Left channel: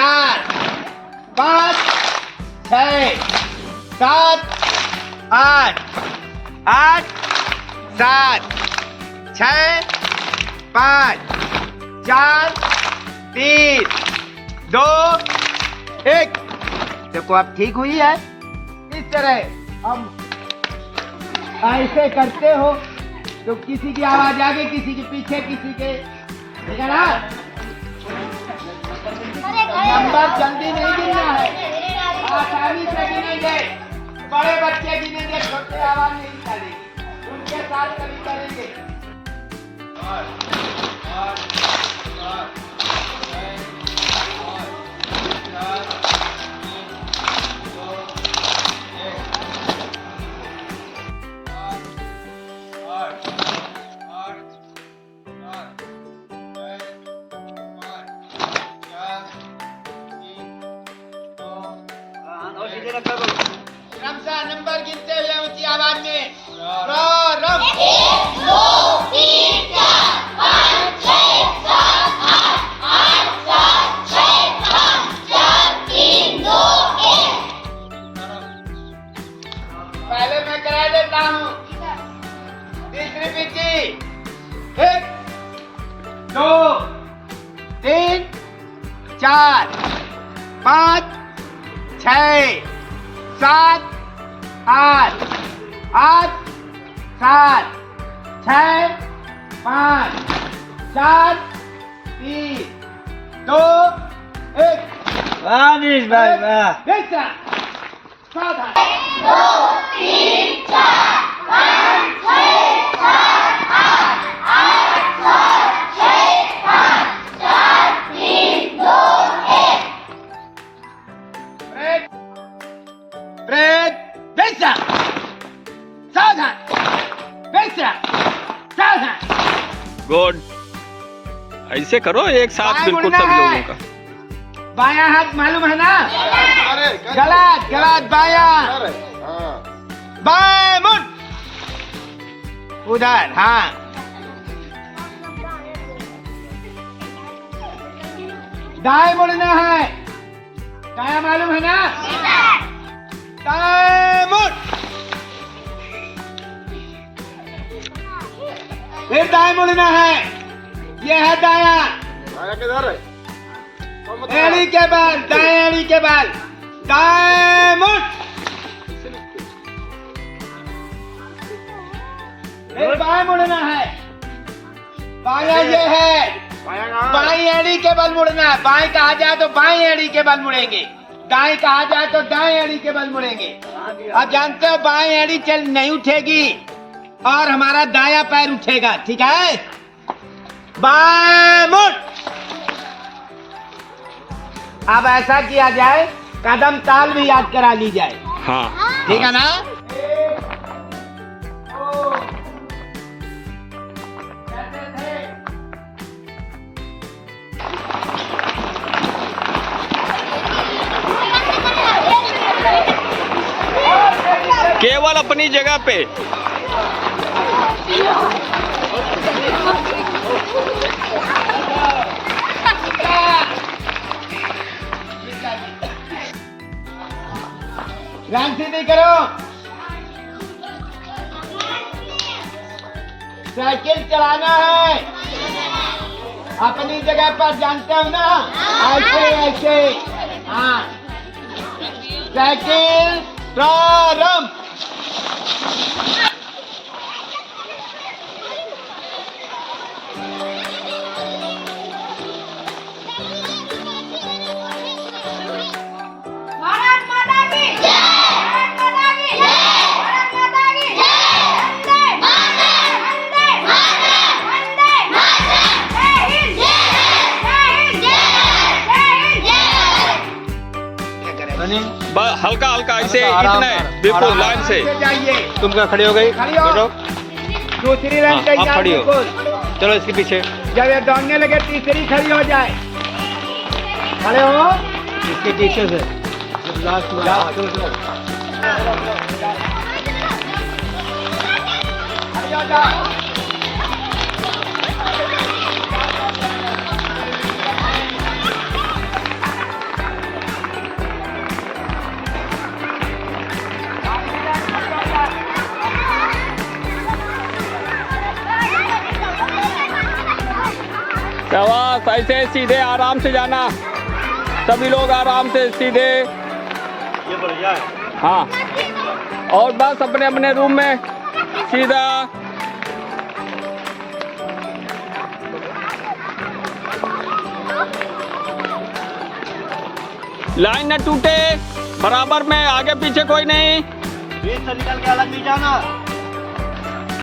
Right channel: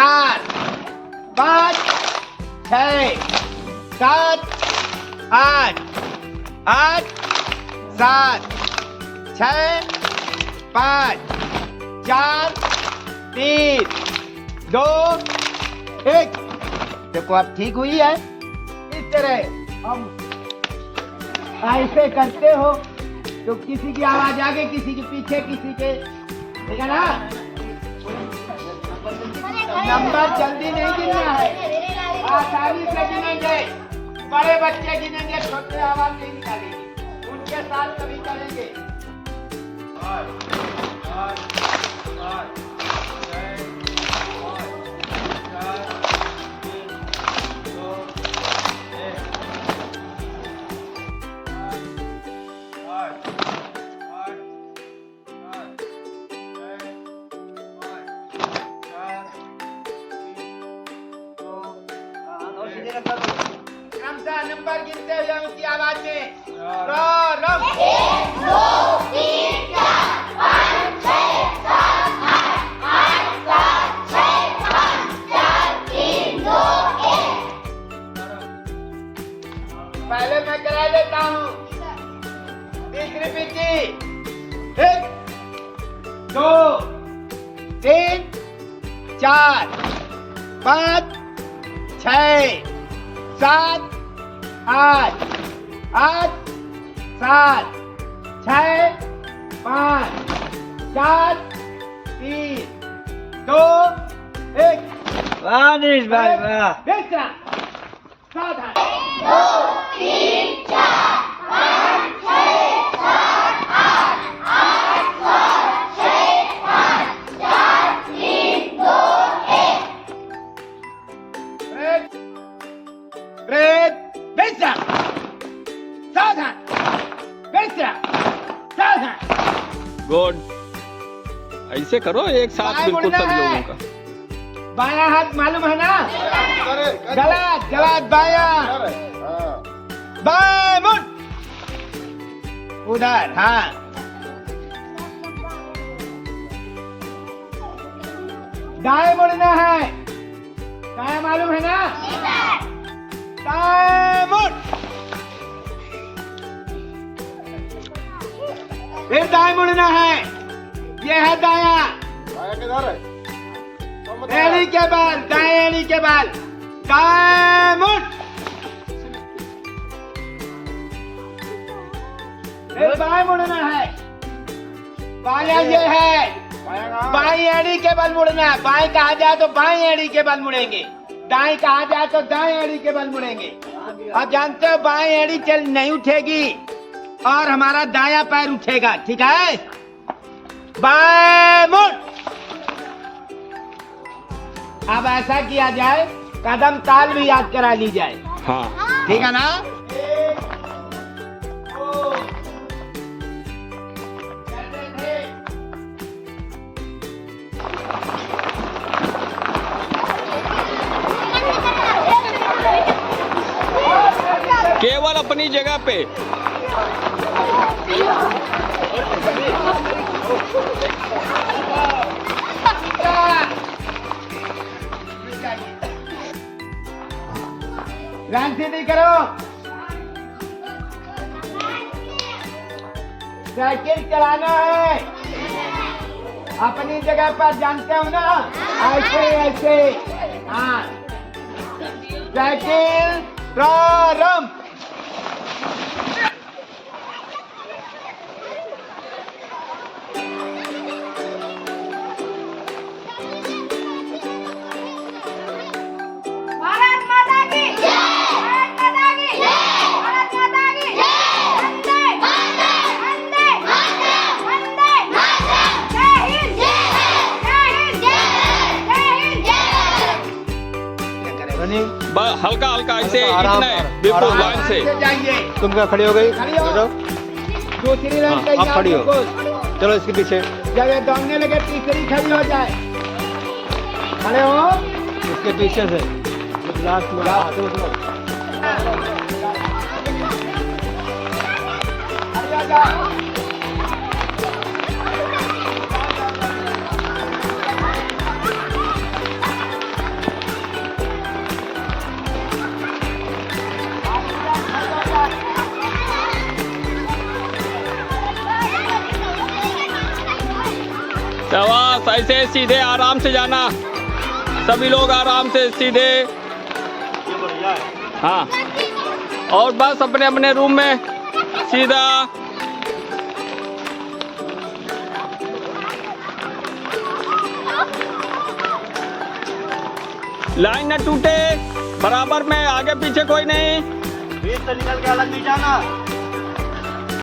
4 5 6 7 8 8 7 6 5 4 3 2 1। देखो अब ठीक हुई है। इस तरह हम ऐसे करते हो तो किसी की आवाज आगे, किसी के पीछे, किसी के, ठीक है ना। नंबर जल्दी नहीं गिनना है, आसानी से गिनेंगे। बड़े बच्चे गिनेंगे, छोटे आवाज नहीं निकालेंगे, उनके साथ कभी करेंगे। नंबर गिनते हुए ऊंची आवाज में रम। 1 2 3 4 5 6 7 8 8 7 6 5 4 3 2 1। पहले मैं करा देता हूँ। तीसरी पिची 1 2 3 4 5 6 7 8 8 7 6 5 4 3 2 1। वाह देखा सावधान। 2 3 4 5 6 7 8 8 7 6 5 4 3 2 1। ब्रेक बेचा सावधान, बेचा सावधान। गुड, ऐसे करो एक साथ बिल्कुल सब लोगों का। बायां हाथ मालूम है ना? गलत गलत, बायां बाएं मुड़, उधर। हाँ, दाएं मुड़ना है। दायां मालूम है ना? दाएं मुड़, फिर दाएं मुड़ना है। ये है दायां। दायां किधर है? एड़ी के बाल, दाएं एड़ी के बाल। दाएं मुड़, फिर बाएं मुड़ना है। बायां ये है। बाएं एड़ी के बल मुड़ना है। बाएं कहा जाए तो बाएं एड़ी के बल मुड़ेंगे, दाएं कहा जाए तो दाएं एड़ी के बल मुड़ेंगे। अब जानते हो बाएं एड़ी चल नहीं उठेगी और हमारा दायां पैर उठेगा, ठीक है? बाएं मुड़। अब ऐसा किया जाए, कदम ताल भी याद करा ली जाए। हाँ, ठीक है ना? केवल अपनी जगह पे। ध्यान सीधी करो। साइकिल चलाना है अपनी जगह पर, जानते हो ना? ऐसे ऐसे। हाँ, साइकिल प्रारंभ। भारत माता की जय। भारत माता की जय। भारत माता की जय। वंदे मातरम। वंदे मातरम। वंदे मातरम। जय हिंद। जय हिंद। जय हिंद। हल्का हल्का ऐसे, इतना है, बिल्कुल लाइन से। जाइए, तुम क्या खड़ी हो गई? खड़ी हो। दूसरी लाइन हाँ, तैयार। खड़ी हो। बिल्कुल। चलो इसके पीछे। जब ये दौड़ने लगे तीसरी खड़ी हो जाए। खड़े हो। इसके पीछे से जब लास्ट में। जाओ। चलो चलो। खड़ी हो जाओ। शाबाश, ऐसे सीधे आराम से जाना, सभी लोग आराम से सीधे। हाँ, और बस अपने अपने रूम में सीधा। लाइन न टूटे, बराबर में, आगे पीछे कोई नहीं। बीच से निकल के अलग नहीं जाना।